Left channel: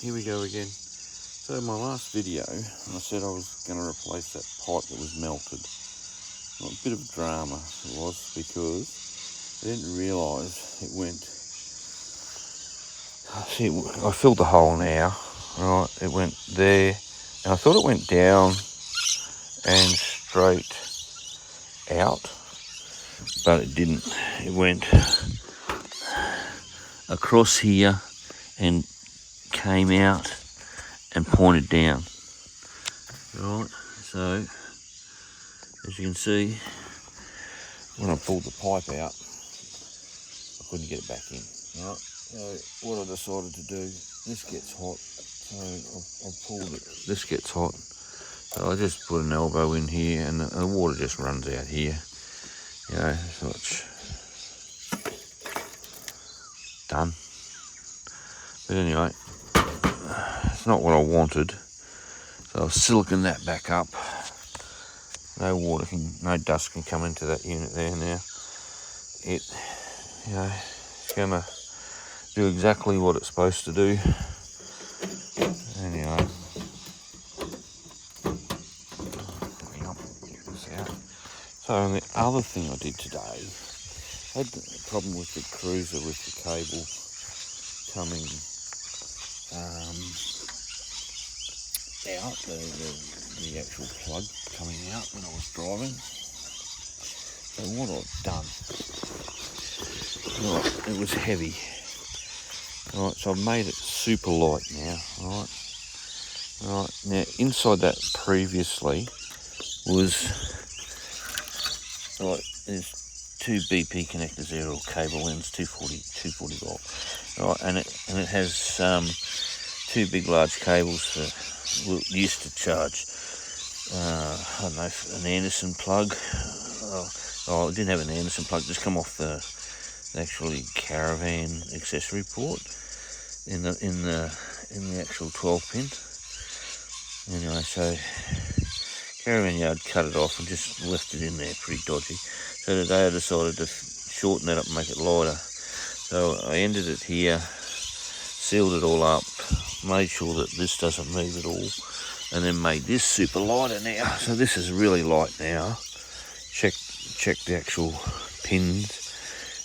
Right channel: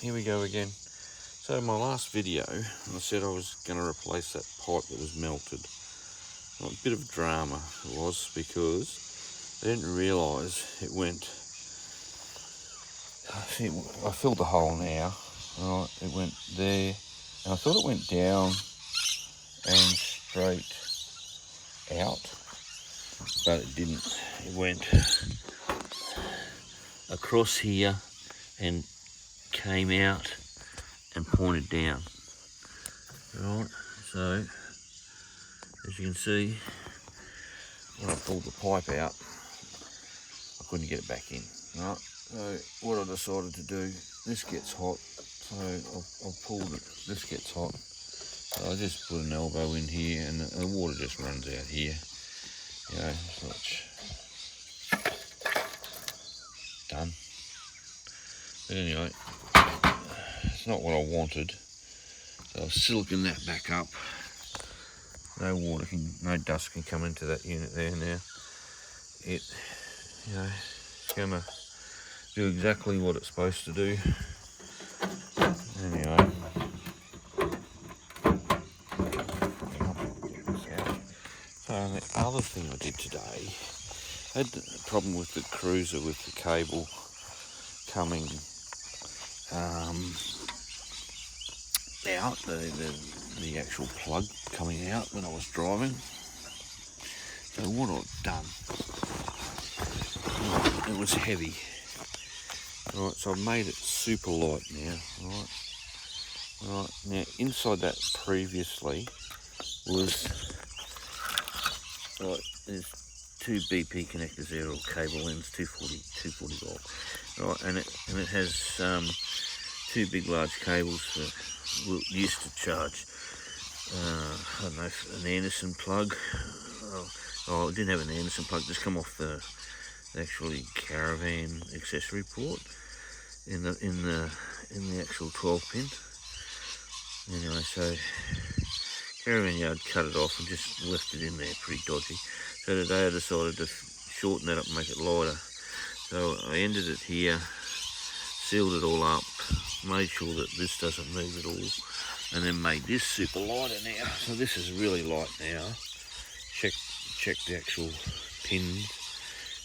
here we go again. So in my last video, I said I was going to replace that pipe that was melted. Well, a bit of drama it was, because I didn't realise it went... See, I filled the hole now, right? It went there, and I thought it went down and straight out, but it didn't. It went across here and came out and pointed down. Right, so as you can see, when I pulled the pipe out, I couldn't get it back in. Right, so what I decided to do, this gets hot, so I've pulled it. This gets hot, so I just put an elbow in here, and the water just runs out here. You know, so it's done. But anyway, it's not what I wanted, so I've siliconed that back up. No dust can come into that unit there now. It's gonna do exactly what it's supposed to do. Anyway, get this out. So the other thing I did today, I had a problem with the cruiser with the cable coming out, the actual plug coming out when I was driving. So what I've done, right, it was heavy. Right, so I've made it super light now. Right, now inside that previously was there's two BP connectors there, or cable ends, 240 volt. Right, and it has two big large cables for used to charge. I don't know, an Anderson plug. Oh, it didn't have an Anderson plug. Just come off the actually caravan accessory port in the actual 12 pin. Anyway, so caravan yard cut it off and just left it in there, pretty dodgy. So today I decided to shorten that up and make it lighter. So I ended it here, sealed it all up, made sure that this doesn't move at all, and then made this super lighter now. So this is really light now. Check the actual pins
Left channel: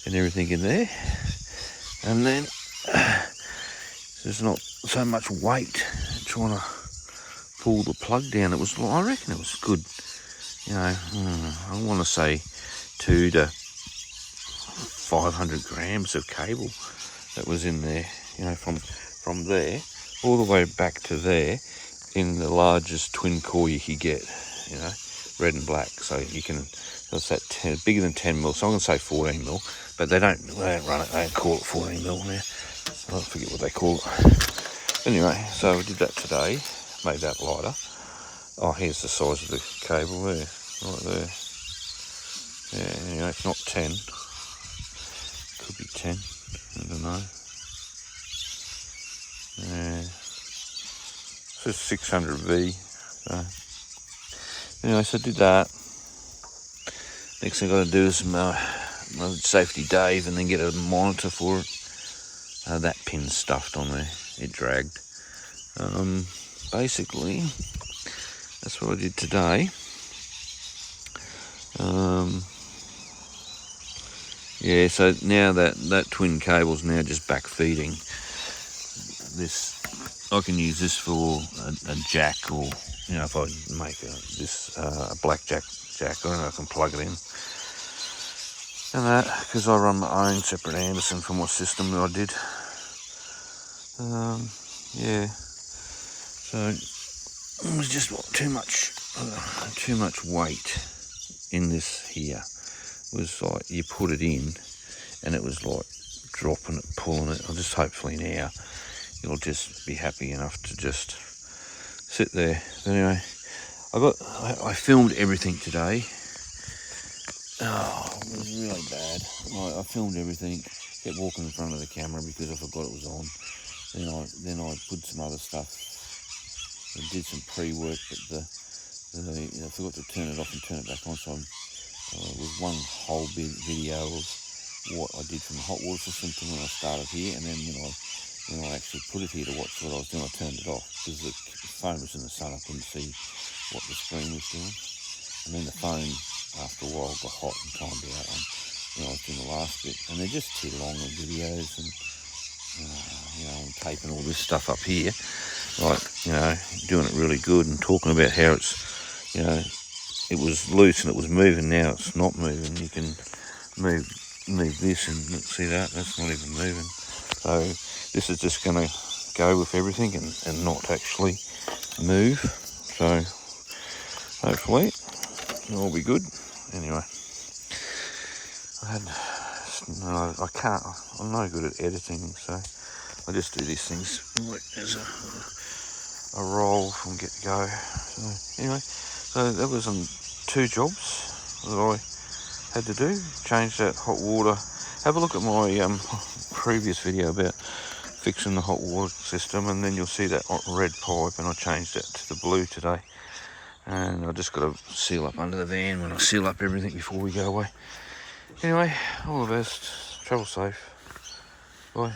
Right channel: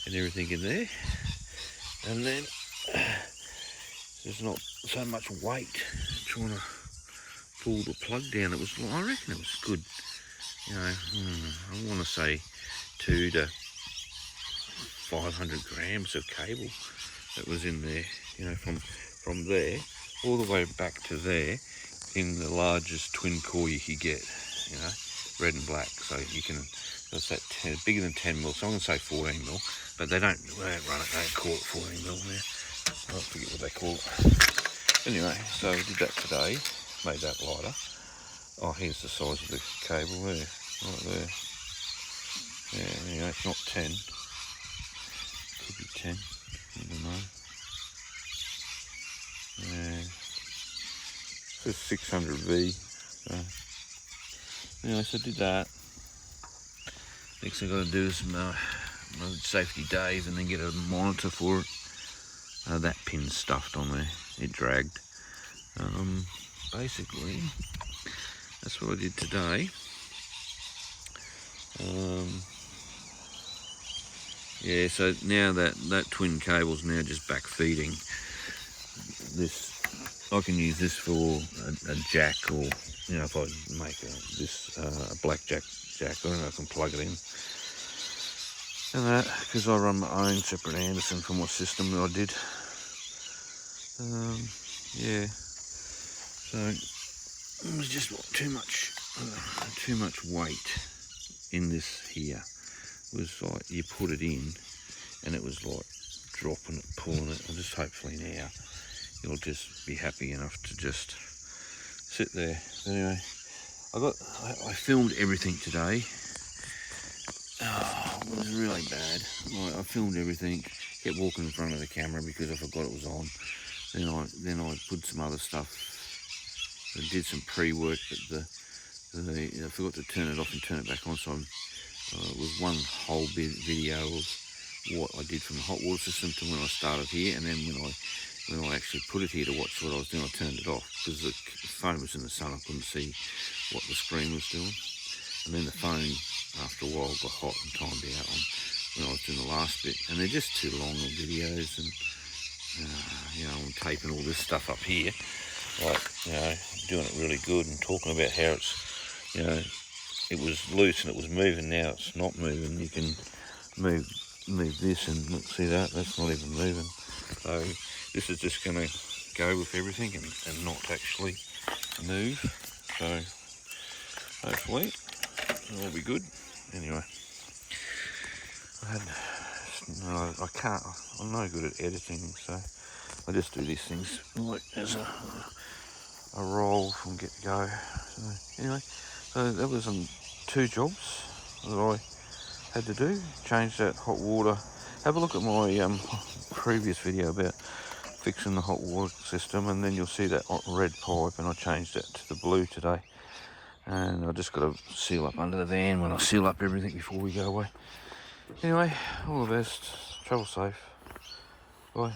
and everything in there, and then there's not so much weight trying to pull the plug down. I reckon it was good. You know, I want to say 200 to 500 grams of cable that was in there. You know, from there all the way back to there, in the largest twin core you could get. You know, red and black. So you can. So it's that bigger than 10 mil. So I'm going to say 14 mil, but they don't run it. They don't call it 14 mil now. I forget what they call it. Anyway, so we did that today. Made that lighter. Oh, here's the size of the cable there, right there. Yeah, anyway, it's not 10. Could be 10. I don't know. Yeah. It says 600V. So anyway, so I did that. Next thing I got to do is my safety Dave, and then get a monitor for it. That pin's stuffed on there. It dragged. Basically, that's what I did today. Yeah, so now that twin cable's now just back feeding. This, I can use this for a jack, or you know, if I make a black jack, I don't know, I can plug it in. And that, because I run my own separate Anderson for my system that I did. Yeah. So it was just too much weight in this here. It was like you put it in, and it was like dropping it, pulling it. I'll just hopefully now it'll just be happy enough to just sit there. But anyway, I filmed everything today. Oh, it was really bad. I filmed everything, kept walking in front of the camera because I forgot it was on. Then I put some other stuff. I did some pre-work, but I forgot to turn it off and turn it back on. So it was one whole video of what I did from the hot water system to when I started here, and then when I when I actually put it here to watch what I was doing, I turned it off because the phone was in the sun. I couldn't see what the screen was doing. And then the phone, after a while, got hot and timed out on when I was doing the last bit. And they're just too long of videos, and you know, I'm taping all this stuff up here, like, you know, doing it really good and talking about how it's, you know, it was loose and it was moving. Now it's not moving. You can move this and look, see that, that's not even moving. So this is just going to go with everything and not actually move. So hopefully it'll all be good. Anyway, I can't, I'm no good at editing, so I just do these things like as a roll from get to go. So anyway, so that was 2 jobs that I had to do. Change that hot water. Have a look at my previous video about fixing the hot water system, and then you'll see that red pipe, and I changed that to the blue today. And I just got to seal up under the van when I seal up everything before we go away. Anyway, all the best. Travel safe. Bye.